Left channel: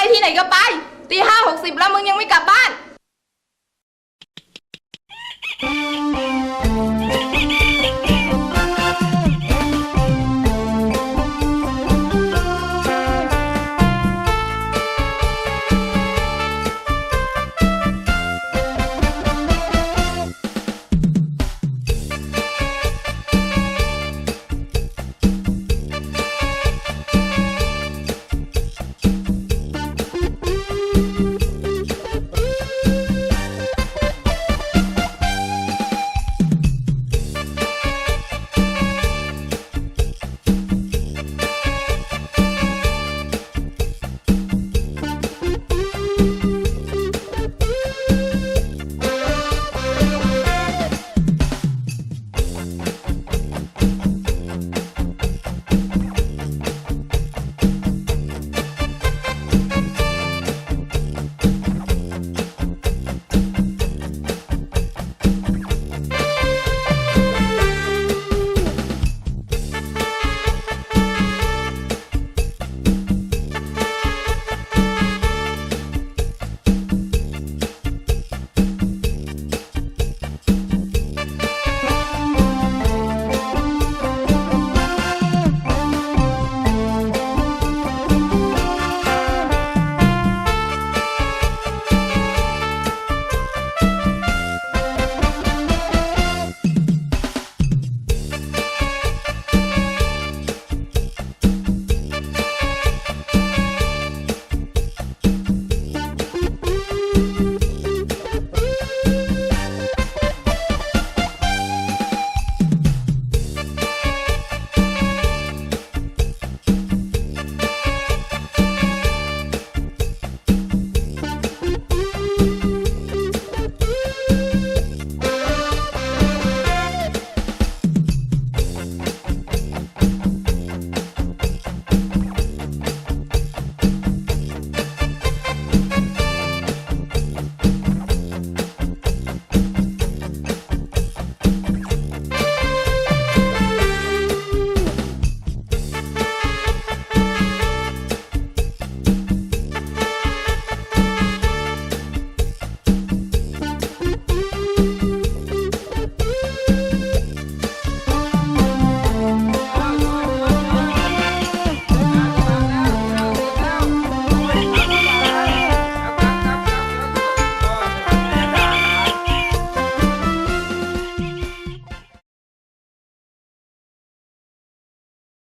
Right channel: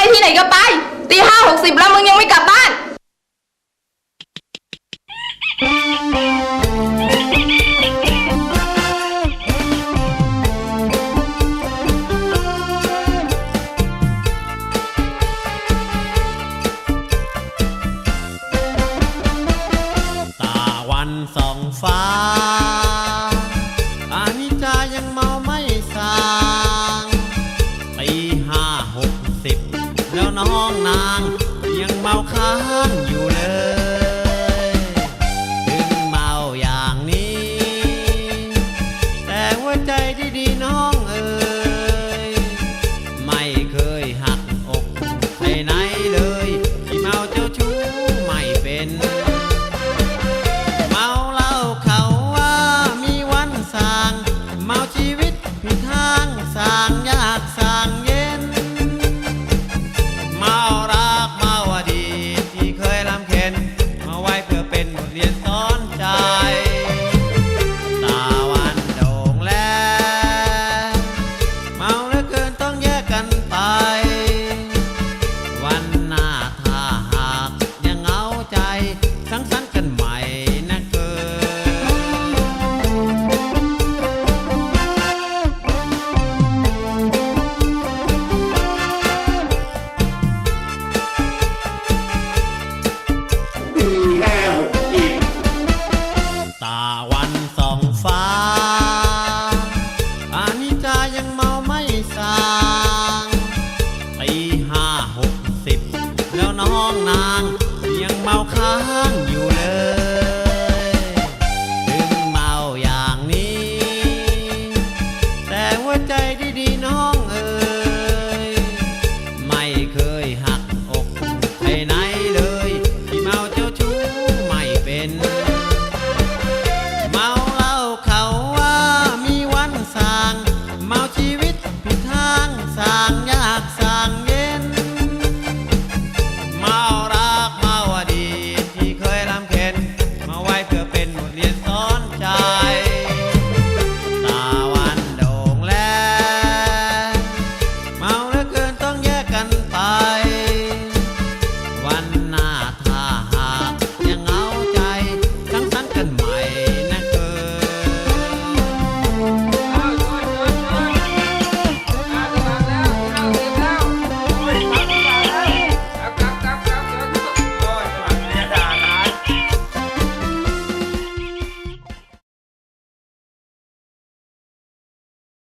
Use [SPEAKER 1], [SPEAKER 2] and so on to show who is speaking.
[SPEAKER 1] ไปที่ไหนก็ไปตีห้าหกสิบแล้วมึงยังไม่กลับบ้าน